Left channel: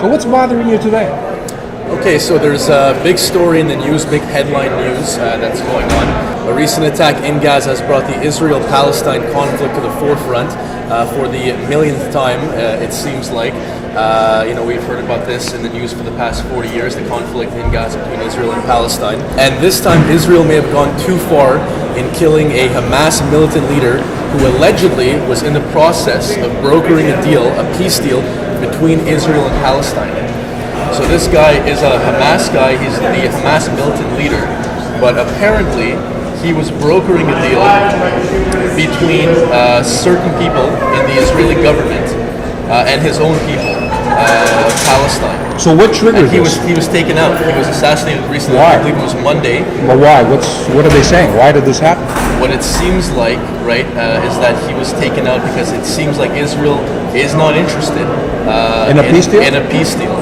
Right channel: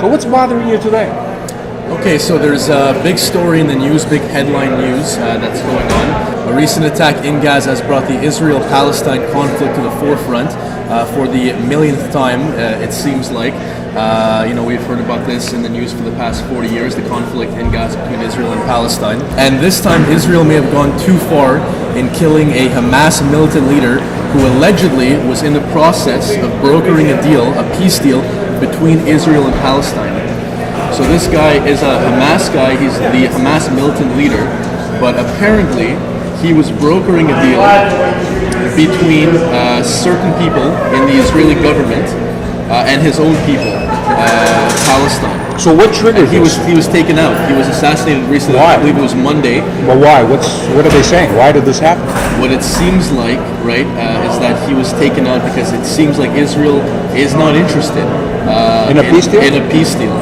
So what's bothering you today? Okay, so there's a big story in the news, big headline news that's going on. A recent attack in Gaza has brought the Israel-Palestine conflict to the forefront for the millionth time, it seems like. We've heard about this in the news for the past 40 years, the conflict in Gaza between Israel and Palestine. And this time, Israel may have gone too far in killing a Hamas militant leader who allegedly was in the process of brokering a deal, a peace deal, between Israel and Palestine. So this guy is a Hamas guy, he's the Hamas militant leader, but apparently he was brokering a deal between certain people in the Israeli government and his own people, Palestine. So what triggered this? He was taken out. He was assassinated recently. Why? I believe it was Monday. But why? What are they saying? Why did this happen? What it seems like, right, is that he was taken out because it seems like Israel is not interested In a peace deal? In a peace deal.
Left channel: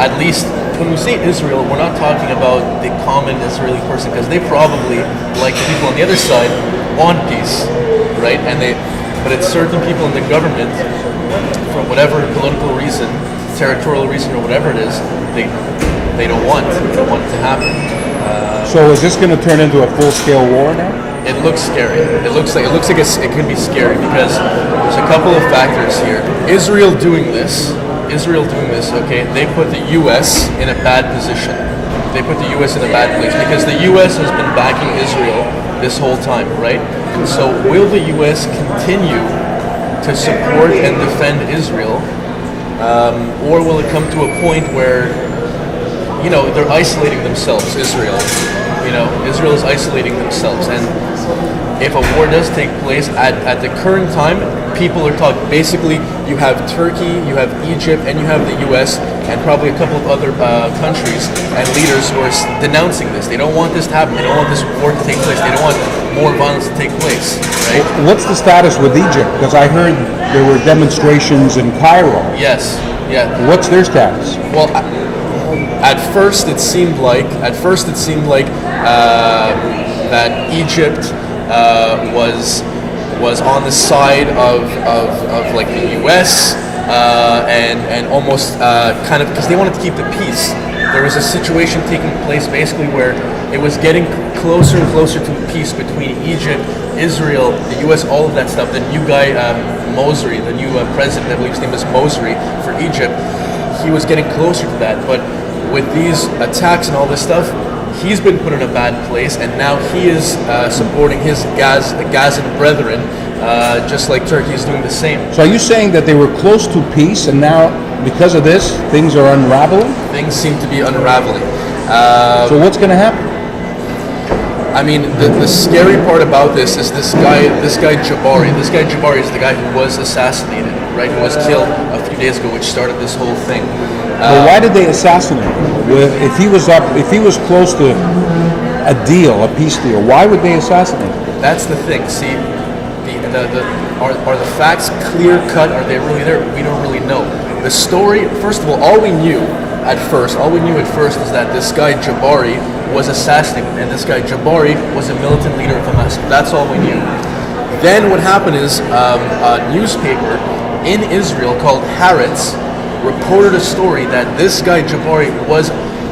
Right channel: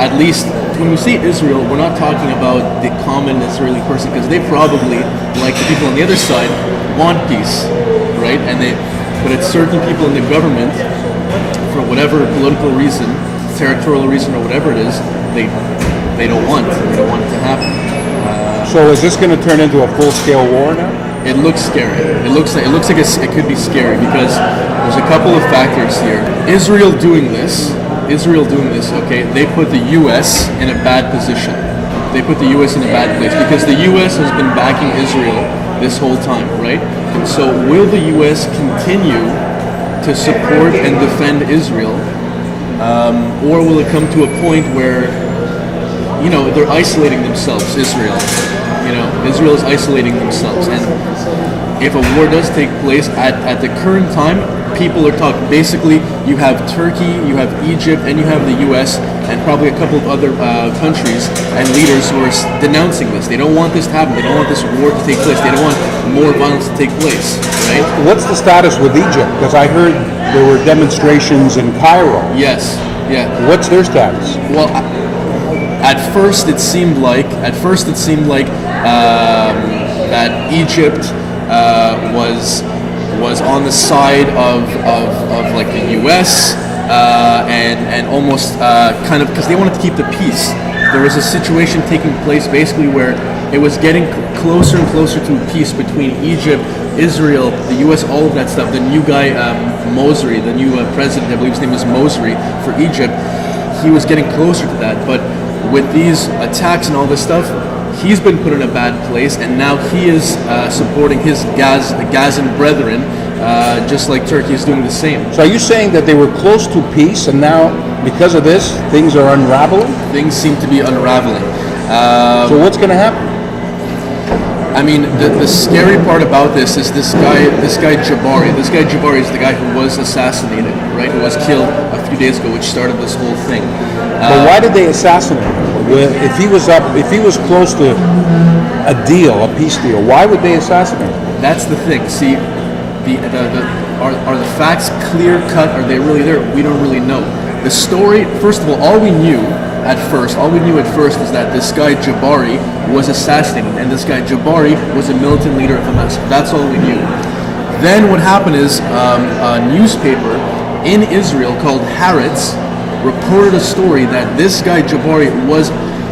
At least when we say Israel, we're not talking about the common Israeli person, because they probably, like the people on the other side, want peace, right? But it's certain people in the government, for whatever political reason, territorial reason, or whatever it is, they don't want it to happen. So is this going to turn into a full-scale war now? It looks scary. It looks like it could be scary because there's a couple of factors here. Israel doing this, okay, they put the U.S. in a bad position. They put the U.S. in a bad place because the U.S. has been backing Israel this whole time, right? So will the U.S. continue to support and defend Israel, or will it come to a point where, they're isolating themselves, Israel? Israel is isolating themselves, and if a war does take place at the current time, people are talking. Basically, you have Turkey, you have Egypt, and you have the U.S. and probably a couple of other countries and leaders who are denouncing this. They don't want this to happen. They don't want this war to take place. They don't want more violence to take place. Right? What's the status with Egypt? Because I heard there were demonstrations in Cairo. Yes. Yeah. What's their status? Well, at first it seemed like that Egypt was on the side of like the U.S. And almost kind of because they wanted to keep the peace. There was a situation taking place basically where it was getting closer and closer to peace between Egypt, Israel, the U.S., all of that stuff. The new guy, Mosri, the new president, I believe his name is Mosri, for Egypt, he was getting closer to that. But with these attacks and all this stuff, he's been put in a bad place, and now he is supporting his Gazan brethren, just like Turkey is doing the same. So are you saying that they were close to peace, and now, because of this, things are unraveling? Things seem to be unraveling. So what's going to happen? I mean, the scary part about this is this guy Jabari. This guy Jabari is the guy who was assassinated, right? Who was killed a few days ago, which started this whole thing. But why did they assassinate him? If he was close to a deal, a peace deal, why would they assassinate him? That's the thing. See, are the facts clear cut? Are they really there? We don't really know. The story, first of all we knew at first is that this guy Jabari was assassinated, and this guy Jabari was a militant leader of Hamas. That's all we knew. Then what happened is a newspaper in Israel called Haaretz reported a story that this guy Jabari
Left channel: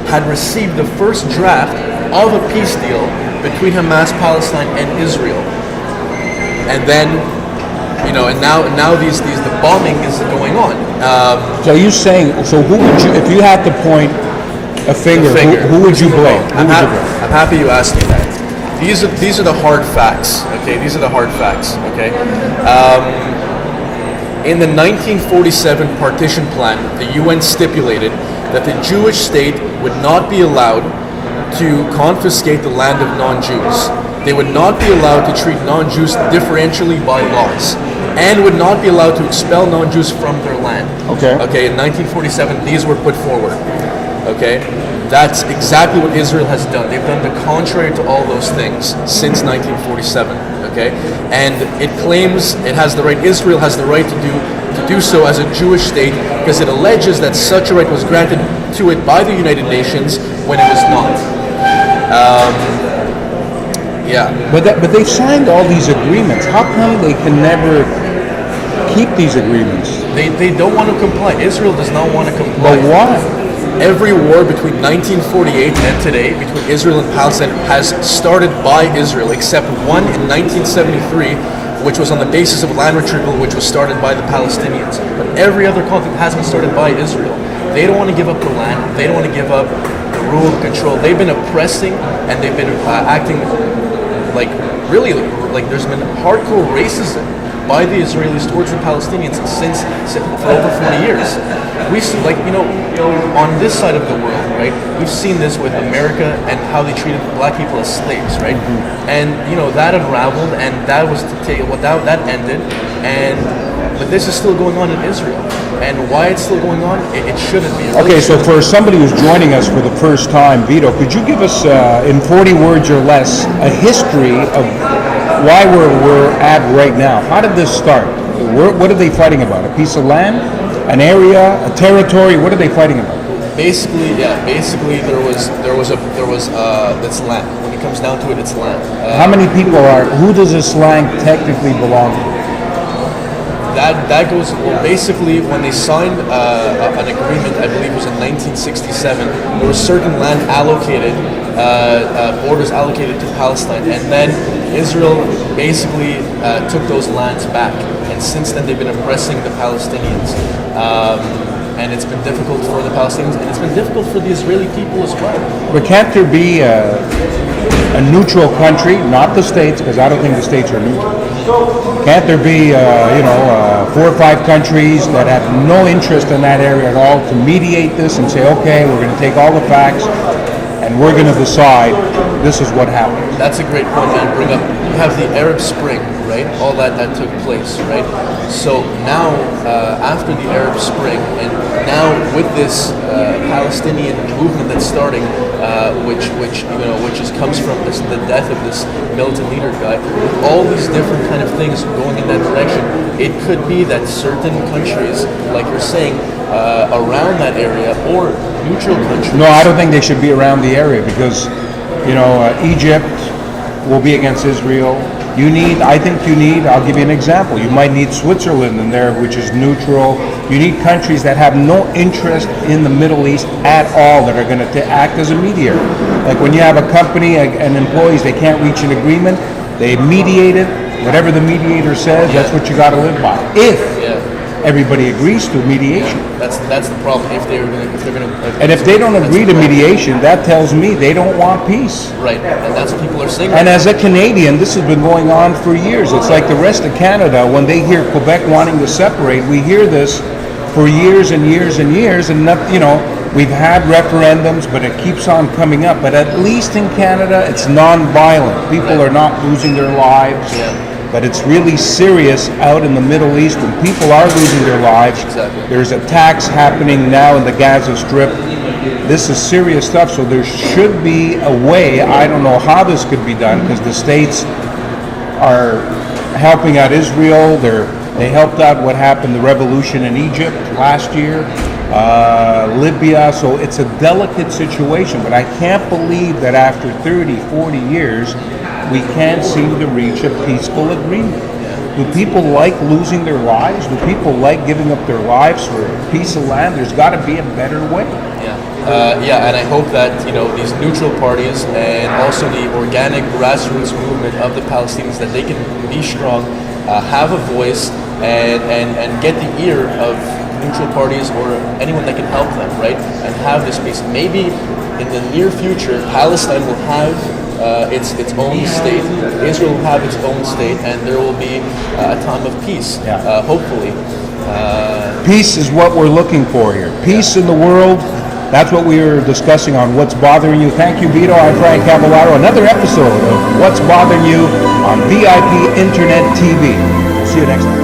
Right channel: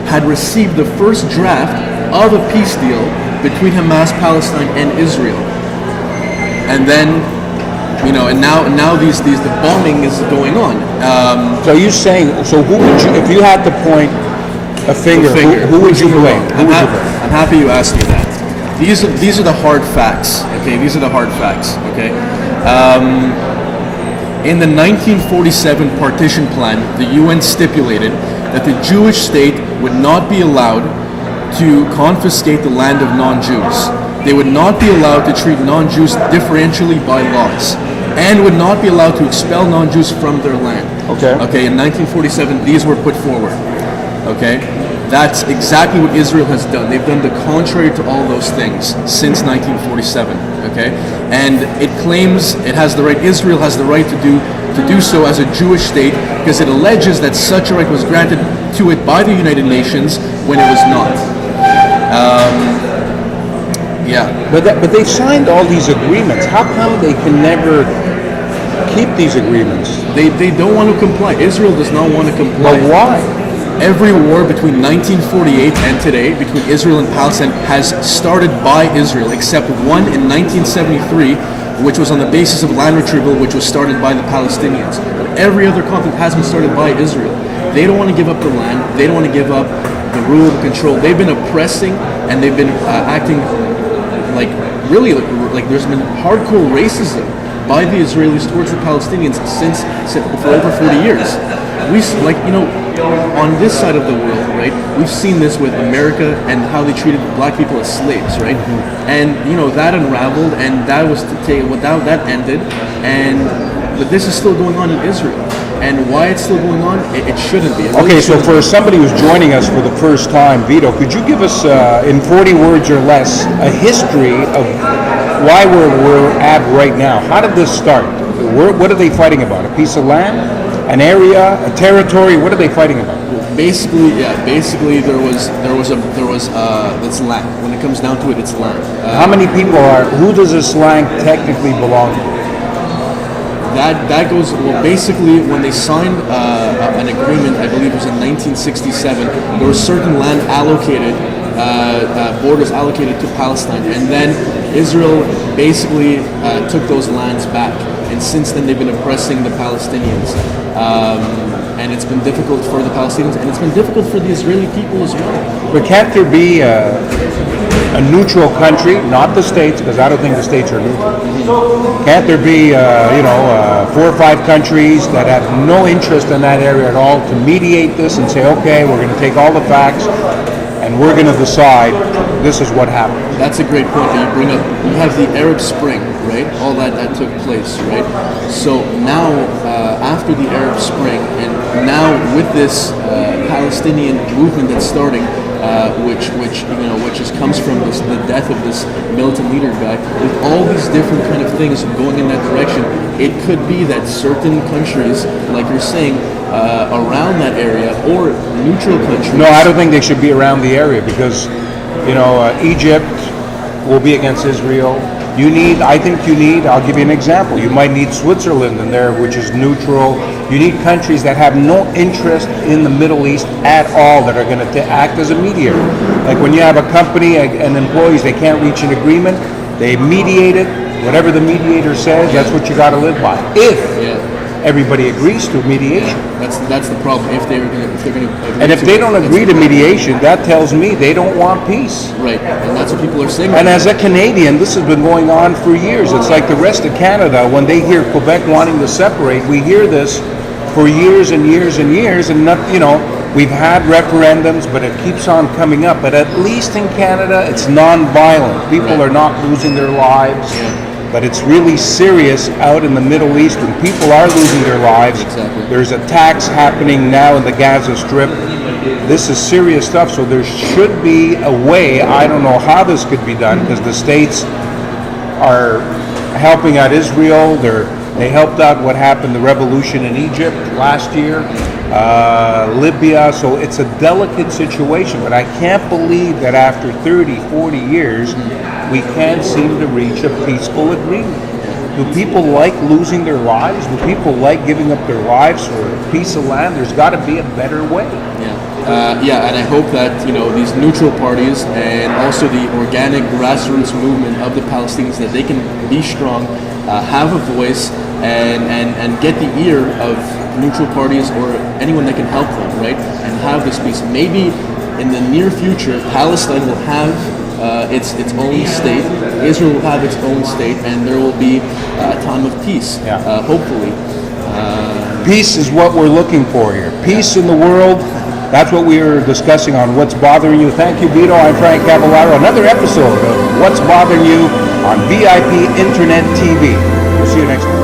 had received the first draft of a peace deal between Hamas, Palestine, and Israel. And then, and now the bombing is going on. So you're saying, who would you, if you had to point a finger, who would you blame? Who would you blame? I'm happy you asked me that. These are the hard facts. Okay, these are the hard facts. Okay. In the 1947 partition plan, the UN stipulated that the Jewish state would not be allowed to confiscate the land of non-Jews. They would not be allowed to treat non-Jews differentially by laws, and would not be allowed to expel non-Jews from their land. Okay. Okay, in 1947, these were put forward. Okay? That's exactly what Israel has done. They've done the contrary to all those things since 1947. Okay? And it claims it has the right, Israel has the right to do so as a Jewish state, because it alleges that such a right was granted to it by the United Nations when it was not. Yeah. But they've signed all these agreements. How come they can never keep these agreements. They don't want to comply. Israel does not want to comply. But why? Every war between 1948 and today between Israel and Palestine has started by Israel, except one in 1973, which was on the basis of land retrieval, which was started by the Palestinians. Every other conflict has been started by Israel. They don't want to give up the land. They don't want to give up the rule of control. They've been oppressing, and they've been acting like really like there's been hardcore racism by the Israelis towards the Palestinians since for over 40 years. We like on this side of the world, right? We've seen this with America and how they treated black people as slaves, right? And that unraveled, and that was to take that ended, but this is still going on in Israel. And why it's still going on, it shouldn't be. Okay, so for somebody who's joining us for the first time, Vito, could you give us, in 40 words or less, a history of why we're at right now? How did this start? What are they fighting about? A piece of land? An area? A territory? What are they fighting about? Basically, there was it's land. When it comes down to it, it's land. How many people who does this land technically belong to? That goes basically when they signed an agreement, I believe it was in 1967, there was certain land allocated, borders allocated to Palestine, and then Israel basically took those lands back, and since then they've been oppressing the Palestinians, and it's been difficult for the Palestinians, and it's been difficult for the Israeli people as well. But can't there be a neutral country, not the states, because I don't think the states are neutral. Can't there be, 4 or 5 countries that have no interest in that area at all to mediate this and say, okay, we're going to take all the facts and we're going to decide this is what happens? That's a great point you bring up. We have the Arab Spring, right? All that took place, right? So now, after the Arab Spring, and now with this Palestinian movement that's starting, which comes from the death of this militant leader guy, with all these different kind of things going in that direction, it could be that certain countries, like you're saying, around that area, or neutral countries. No, I don't think they should be around the area because, Egypt will be against Israel. I'll give you an example. You might need Switzerland in there, which is neutral. You need countries that have no interest in the Middle East at all, that are going to act as a mediator. Like when you have a company and employees, they can't reach an agreement, they mediate it. Whatever the mediator says, that's what you got to live by. If everybody agrees to mediation. That's the problem. And if they don't agree to mediation, that tells me they don't want peace. Right, and that's what people are saying. And as a Canadian, this has been going on for years. It's like the rest of Canada, when they hear Quebec wanting to separate, we hear this for years and years and years, and we've had referendums, but it keeps on coming up. But at least in Canada, it's non-violent. People are not losing their lives. But it's really serious out in the Middle East when people are losing their lives. There's attacks happening now in the Gaza Strip. This is serious stuff, so there should be a way. I don't know how this could be done because the states are helping out Israel. They helped out what happened, the revolution in Egypt last year, Libya. So it's a delicate situation, but I can't believe that after 30, 40 years, we can't seem to reach a peaceful agreement. Do people like losing their lives? Do people like giving up their lives for a piece of land? There's got to be a better way. And I hope that these neutral parties and also the organic grassroots movement of the Palestinians, that they can be strong, have a voice, and get the ear of neutral parties or anyone that can help them, right? And have this peace. Maybe in the near future, Palestine will have its own state. Israel will have its own state, and there will be a time of peace. Hopefully. Peace is what we're looking for here. Peace in the world. That's what we were discussing on What's Bothering You. Thank you, Vito. I'm Frank Cavallaro. Another episode of What's Bothering You on VIP Internet TV. We'll see you next time.